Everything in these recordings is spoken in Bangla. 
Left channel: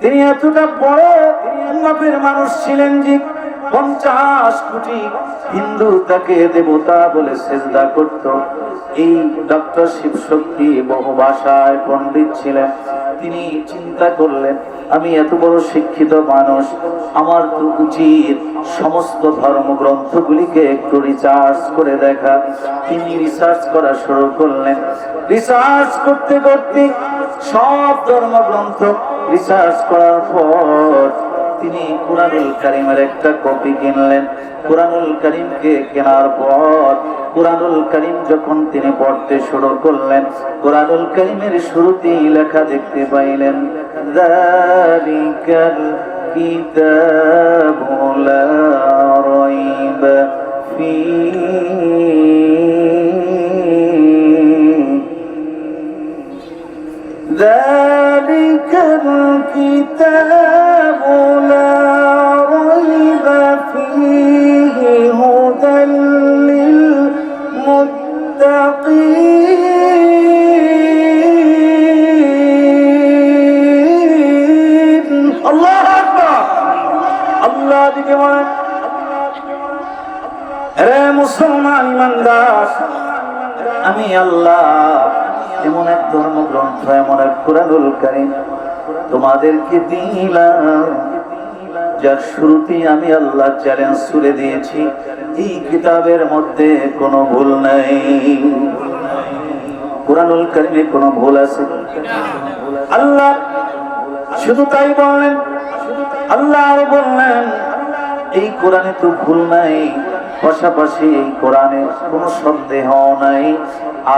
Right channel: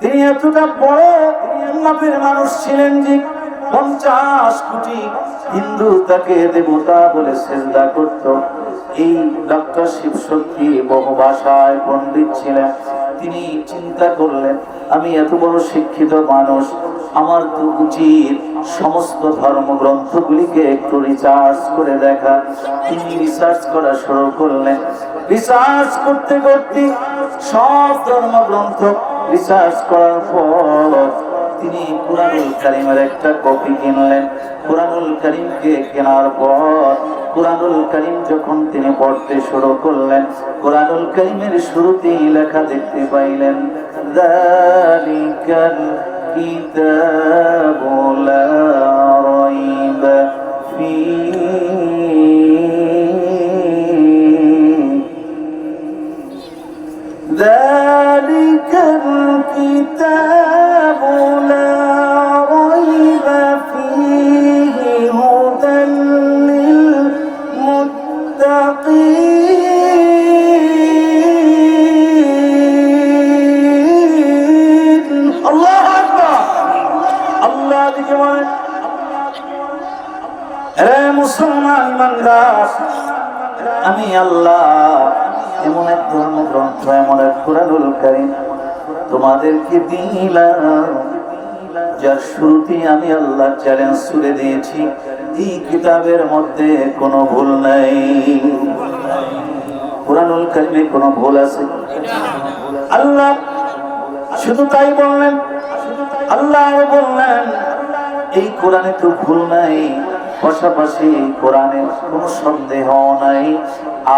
তিনি এতটা বড় মাপের মানুষ ছিলেন যে 50 কোটি হিন্দু তাকে দেবতা বলে সেজদা করত। এই ডক্টর শিবশক্তি বহু ভাষায় পণ্ডিত ছিলেন। তিনি চিন্তা করলেন, আমি এত বড় শিক্ষিত মানুষ, আমার তো উচিত সমস্ত ধর্মগ্রন্থগুলিকে একটু রিসার্চ করে দেখা। তিনি রিসার্চ করা শুরু করলেন। রিসার্চ করতে করতে সব ধর্মগ্রন্থ রিসার্চ করার পর তিনি কুরআনুল কারীমের একটা কপি কিনলেন। কুরআনুল কারীমকে কেনার পর কুরআনুল কারীম যখন তিনি পড়তে শুরু করলেন, কুরআনুল কারীমের শুরুতেই লেখা দেখতে পাইলেন, যালিকাল কিতাবু লা রাইবা ফীহি যালিকাল কিতাবু লা রাইবা ফীহি হুদাল লিল মুত্তাকিন। আল্লাহু আকবার। আল্লাহ দিকে বলেন, হে মুসলমান ইমানদার, আমি আল্লাহ এমন এক ধর্মগ্রন্থ, এমন এক কুরআনুল কারীম তোমাদেরকে দিলাম, যার শুরুতেই আমি আল্লাহ চ্যালেঞ্জ ছুড়ে দিয়েছি, এই কিতাবের মধ্যে কোনো ভুল নাই। কুরআনুল কারীমে কোনো ভুল আছে? আল্লাহ শুধু তাই বললেন, আল্লাহ আরো বললেন, এই কোরআনে তো ভুল নাই, পাশাপাশি এই কোরআনে কোনো সন্দেহ নাই।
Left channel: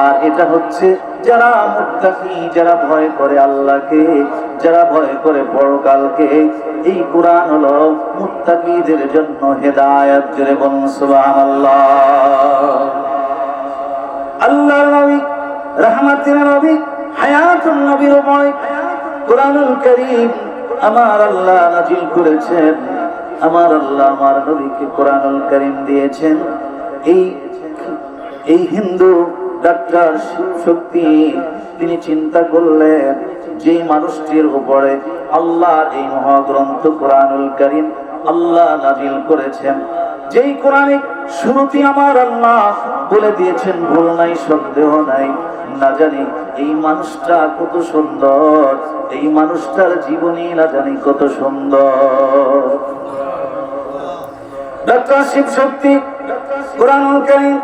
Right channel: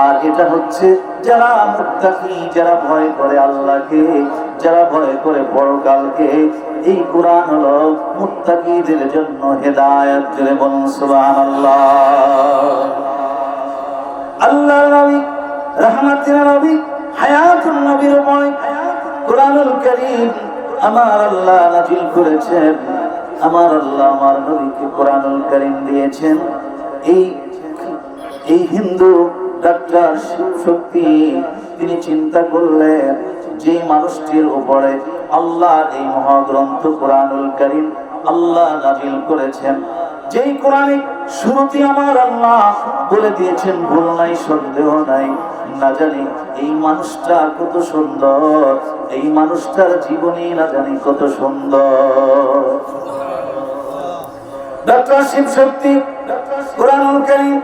আর এটা হচ্ছে যারা মুত্তাকি, যারা ভয় করে আল্লাহকে, যারা ভয় করে পরকালকে, এই কোরআন হলো মুত্তাকিদের জন্য হেদায়েত। জোরে বলুন সুবহানাল্লাহ। আল্লাহর নবী, রাহমাতুল নবী, হায়াতুন নবীর উপরে কোরআনুল কারীম আমার আল্লাহ নাযিল করেছেন। আমার আল্লাহ আমার নবীকে কোরআনুল কারীম দিয়েছেন। এই হিন্দু ডাক্তার শিবশক্তি তিনি চিন্তা করলেন, যে মানুষটির উপরে আল্লাহ এই মহাগ্রন্থ কোরআনুল কারীম আল্লাহ নাযিল করেছেন, যেই কোরআনে শুরুতে আমার আল্লাহ বলে দিয়েছেন ভুল নাই, সন্দেহ নাই, না জানি এই মানুষটা কত সুন্দর, এই মানুষটার জীবনী না জানি কত সুন্দর। ডক্টর শিবশক্তি কোরআনুল কারীম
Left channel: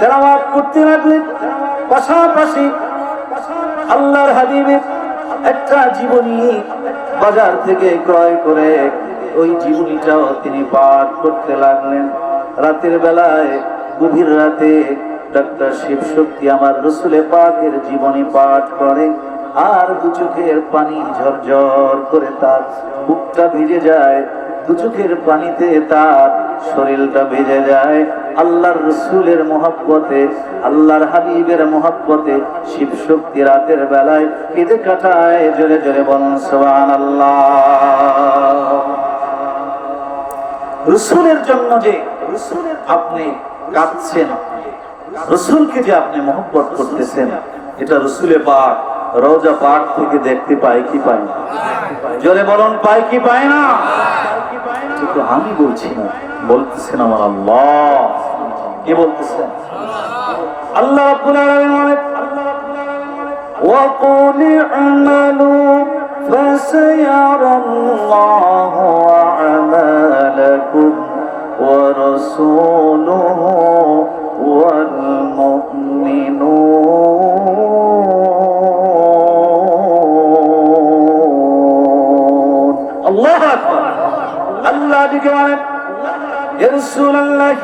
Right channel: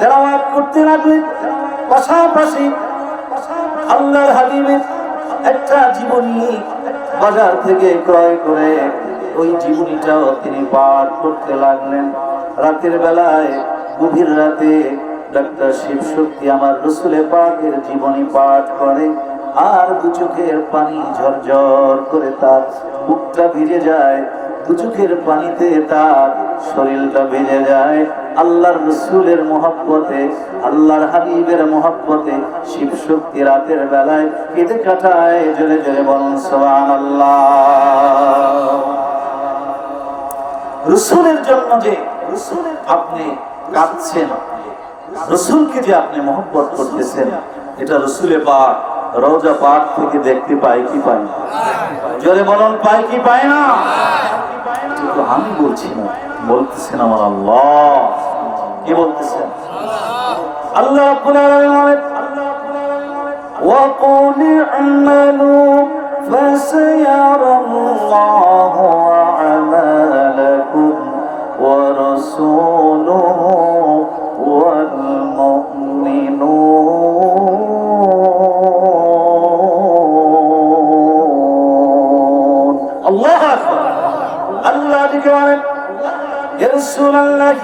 তেলাওয়াত করতে লাগলেন, পাশাপাশি আল্লাহর হাবিবের একটা জীবনী বাজার থেকে ক্রয় করে ওই জীবনীটাও তিনি পাঠ করতে লাগলেন। রাতের বেলায়, গভীর রাতে ডক্টর শিবশক্তি আমার রাসূলে পাকের জীবনী পাঠ করে, আর দু চোখের পানি ঝরঝর করে তার বুকটা ভিজে যায়, দু চোখের পানিতে তার শরীরটা ভিজে যায়। আল্লাহর রাসূলের মহব্বতে, আল্লাহর হাবিবের মহব্বতে শিবশক্তি রাতের বেলায় কেঁদে কাটায়। জোরে জোরে বলুন সুবহানাল্লাহ। রাসূলের জন্য যে আপনি কাঁদছেন, রাসূলকে যে আপনি মহব্বত করতেছেন, এটা রাসূলে পাক রওজা পাক থেকে দেখতে পাই কি পাই না? জোরে বলুন, পাই কি পায় না? কিন্তু আমি বলছি না, বলতেছেন আমার আল্লাহ। কি বলতেছেন? আল্লাহ রাব্বুল আলামিন বলেন, ওয়া কুল i'malu ফাসায়ারাল্লাহু আ'মালাকুম ওয়া রাসূলুহু ওয়াল মুমিনুন। আল্লাহু আকবার। আল্লাহ দিকে বলেন, ইয়া রাসূলুল্লাহ,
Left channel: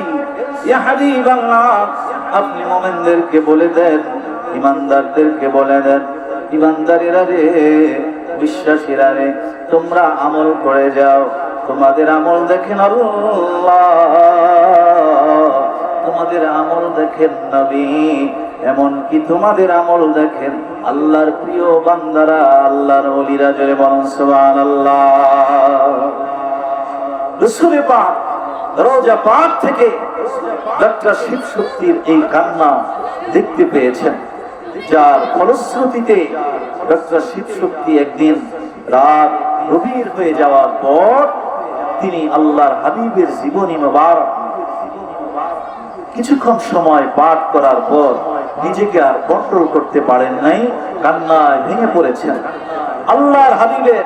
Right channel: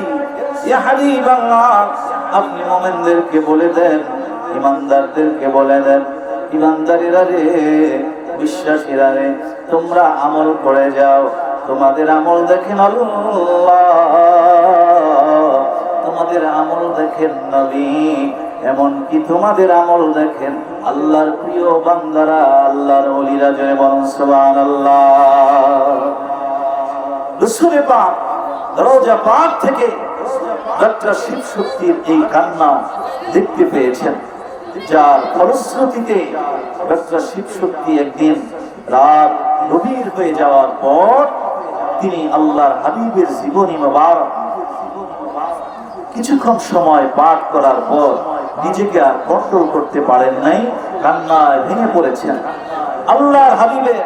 ইয়া হাবিবাল্লাহ, আপনি মুমিনদেরকে বলে দেন, ইমানদারদেরকে বলে দেন, ইমানদারেরা রে, বিশ্বাসীরা রে, তোমরা আমল করে যাও, তোমাদের আমল দেখেন আল্লাহ, তোমাদের আমল দেখেন নবী, এমনকি তোমাদের আমল দেখেন আল্লাহর প্রিয় বান্দারা, আল্লাহর ওলিরা। জোরে বলুন সুবহানাল্লাহ। রাসূলে পাক রওজা পাক থেকে ডক্টর শিবশক্তির এই কান্না দেখতে পেয়েছেন, যার ফলশ্রুতিতে ডক্টর শিবশক্তি একদিন রাত গভীর হয়ে যাওয়ার পর তিনি আল্লাহর হাবিবের জীবনী মোবারক কিছুক্ষণ সময় পাঠ করার পর নিজেকে আর কন্ট্রোল করতে পারেন নাই, কান্নায় ভেঙে পড়েছেন। আল্লাহর হাবিবের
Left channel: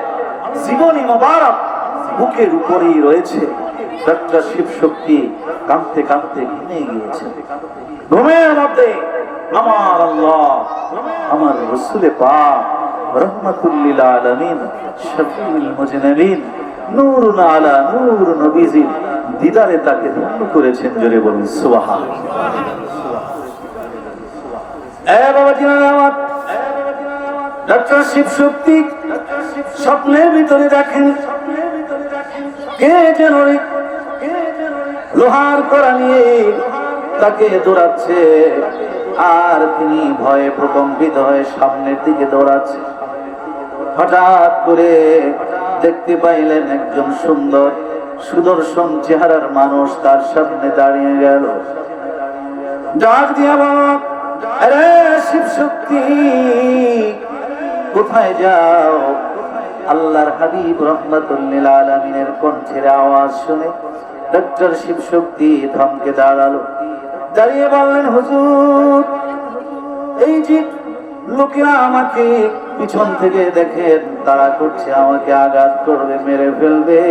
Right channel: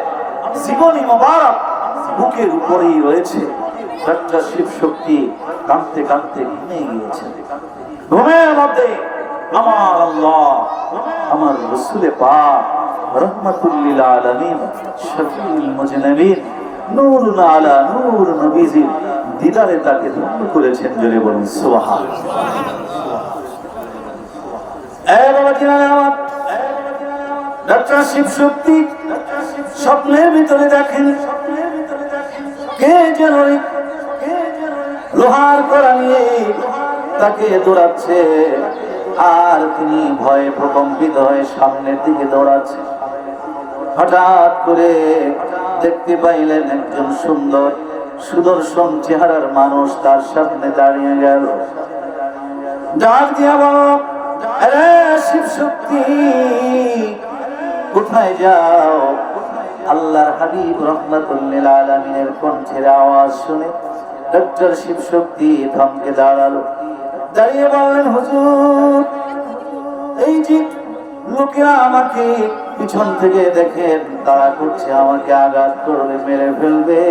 জীবনী মোবারক বুকের উপরেই রয়েছে। ডক্টর শিব শক্তি কাঁদতে কাঁদতে ঘুমিয়ে গিয়েছেন। ঘুমের মধ্যে আমার আল্লাহ, আমার রাসূলে পাক রহমাতুল লিল আলামিন শফিউল মুজনিবিন নূরুন আলা নূর নবীজি দিদারে তাকে ধন্য করেছেন। জোরে বলুন সুবহানাল্লাহ। ডক্টর শিব শক্তি স্বপ্নের ভিতরে দেখেন কে যেন লোহার কড়া নিয়ে তাকে দৌড়াচ্ছে, আর তিনি ভয়ে প্রকম্পিত হয়ে সামনের দিকে দৌড়াচ্ছে। হঠাৎ করে দেখতে পাইলেন একজন সুন্দর সুদর্শন চেহারার মানুষ তার সামনে দাঁড়িয়ে গেল। ডাক দিয়া বলল, আরে শিব শক্তি কোথায় যাও? আল্লাহর হাবিব রাহমাতুল লিল আলামিনের কণ্ঠের আওয়াজ শুনে ডক্টর শিব শক্তি থমকে দাঁড়ালো। দাঁড়িয়ে বললেন, হুজুর, এই যে লোকেরা আমাকে পিছন থেকে দেখেন, তারা করছে আমাকে আঘাত করবে, মেরে ফেলবে,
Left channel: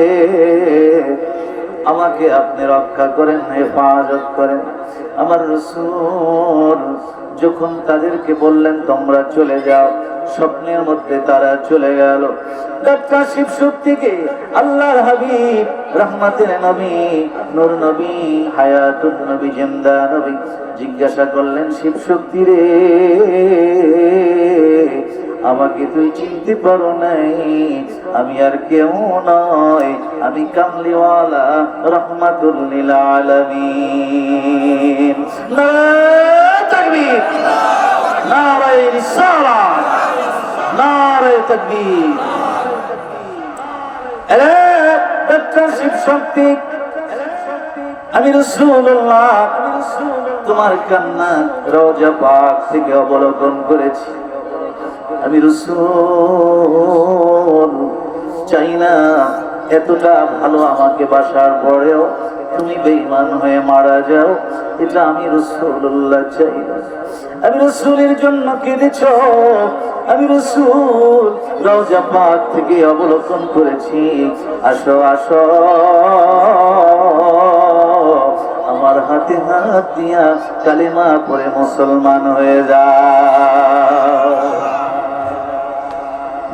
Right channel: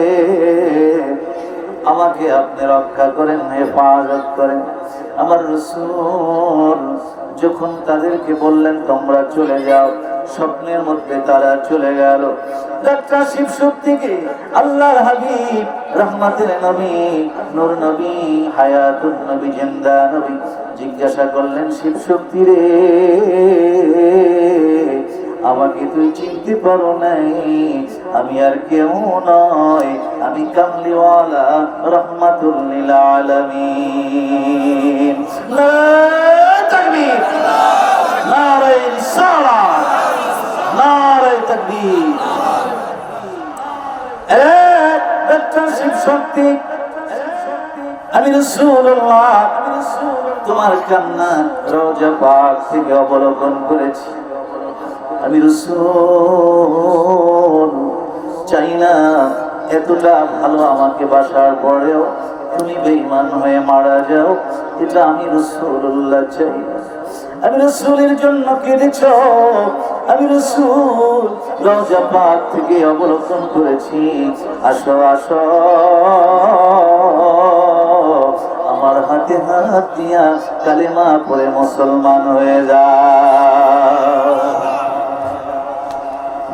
আমাকে আপনি রক্ষা করেন, হেফাজত করেন। আমার রাসূল যখন তাদেরকে বললেন তোমরা চলে যাও, স্বপ্নের মধ্যে তারা চলে গেল। ডক্টর শিব শক্তিকে আল্লাহর হাবিব রহমতের নবী, নূর নবী, হায়াতুন নবী, জিন্দা নবী জিজ্ঞাসা করলেন, শিব শক্তি রে, আমাকে তুই চিনতে পারো নাই? আমি আর কেউ নয়, আমি কামলিওয়ালা রহমাতুল লিল আলামিন। নারে তাকবীর, নারে রিসালাত, নারে তাকবীর। ডক্টর শিব শক্তি, আমি রাসূলুল্লাহ তোমার কান্না রওজা পাক থেকে অবলোকন করেছি। আমি রাসূল চাই না এতটা ভালো আমাকে বাসার পরেও তুমি বেঈমান হয়ে মারা যাও, এটা আমি রাসূলুল্লাহ চাই না। আমি রাসূলের জন্য কেঁদেছ, আমি রাসূল রওজা পাক থেকে অবলোকন করেছি। আসো আসো, আমার হাতে হাত দিয়া কালেমা পড়ে মুসলমান হয়ে যাও।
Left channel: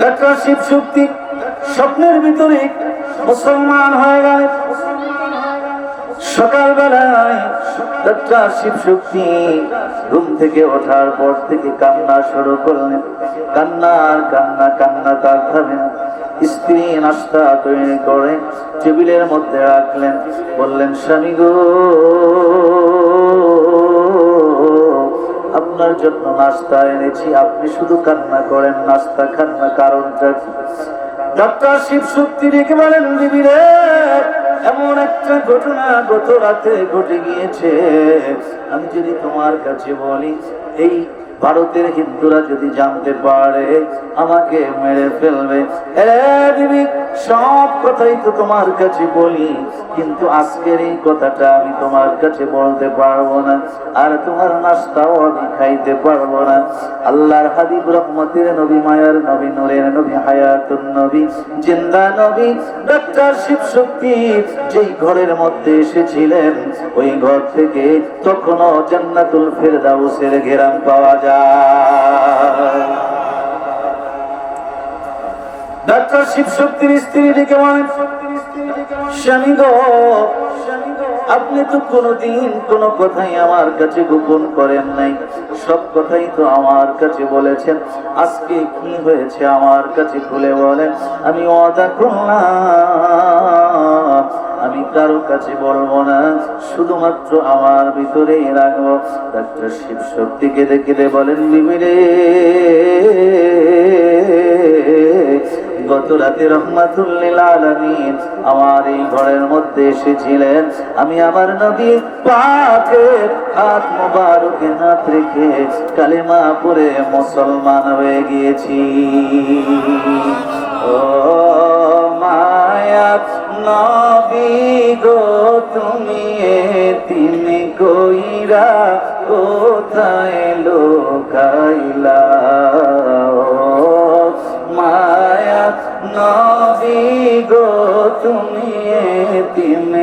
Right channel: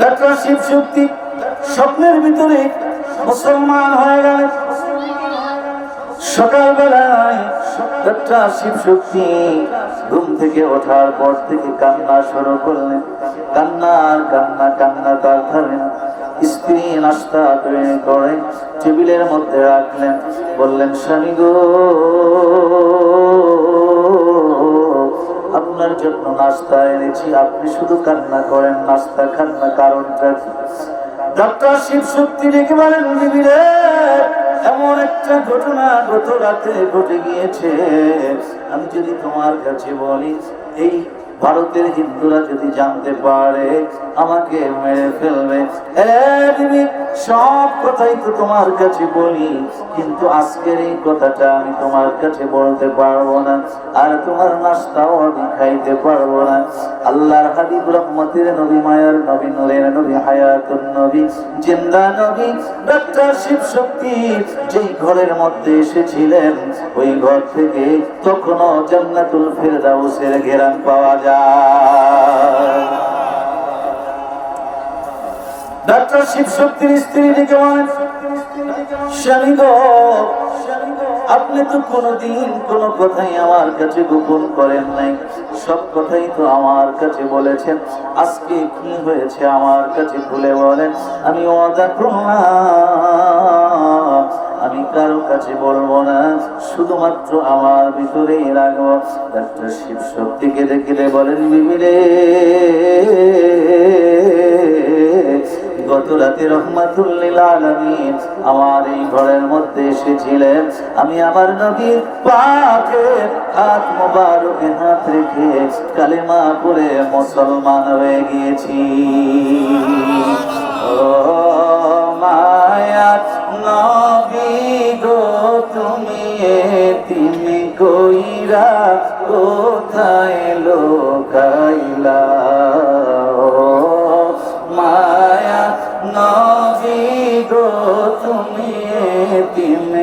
ডক্টর শিব শক্তি স্বপ্নের ভিতরে মুসলমান হয়ে গেলেন। সকালবেলায় ডক্টর শিব শক্তি ঘুম থেকে ওঠার পর থেকে কান্না শুরু করলেন। কান্না কান্না কান্না তার থামে না। স্ত্রী নাস্তা তৈরি করে টেবিলের মধ্যে রাখলেন, বললেন, স্বামী গো, আপনার জন্য নাস্তা এনেছি, আপনি শুধু কান্না করেন, নাস্তা খান না, কারণটা কি? ডক্টর শিব শক্তি ডেকে বলেন, বিবি রে, এমন একটা ঘটনা গত রাতে ঘটে গিয়েছে, আমি যদি তোমার কাছে বলি, এই ভারতের হিন্দুরা যদি জানতে পারে আমাকে মেরে ফেলবে। বিবি, সব কথাই তো তোমার কাছে বলি, কিন্তু আজকের এই কথাটা আমি তোমার কাছে বলতে পারবো না, আর তোমার নাস্তাও আমি খাইতে পারবো না। আল্লাহর হাবিব রহমতের নবী, মায়ার নবী, নূরের নবী, হায়াতুন নবী, জিন্দা নবী ডক্টর শিব শক্তি যেই ঘরের মধ্যে এসেছিলেন, ওই ঘর থেকে তখনও জান্নাতুল ফেরদাউসের ঘেরান পাওয়া যায়। ডক্টর শিব শক্তির স্ত্রী ডেকে বলেন, স্বামী গো, আপনি তো কোনোদিন কোনো কথাই আমার কাছে গোপন করেন নাই, সব কথাই তো আমার কাছে বলেছেন, আজকে কি হয়েছে আমার কাছে খুলে বলেন। আমি ওয়াদা করলাম আমি কারো কাছে বলবো না, শুধুমাত্র আমার ভিতরেই রাখবো। ডক্টর শিব শক্তিকে দেখে বলেন, বিবি রে, গত রাতে রহমাতুল লিল আলামিন আমার এই ঘরের মধ্যে এসেছিলেন, আমি আমার নবীর পাকের হাত মোবারকে হাত রেখে কালেমা পড়ে মুসলমান হয়ে গিয়েছি। ও মায়াত নবী গো তুমি এতিম কইরা কোথায় লোকাইলা ও মায়াত নবী গো তুমি এতিম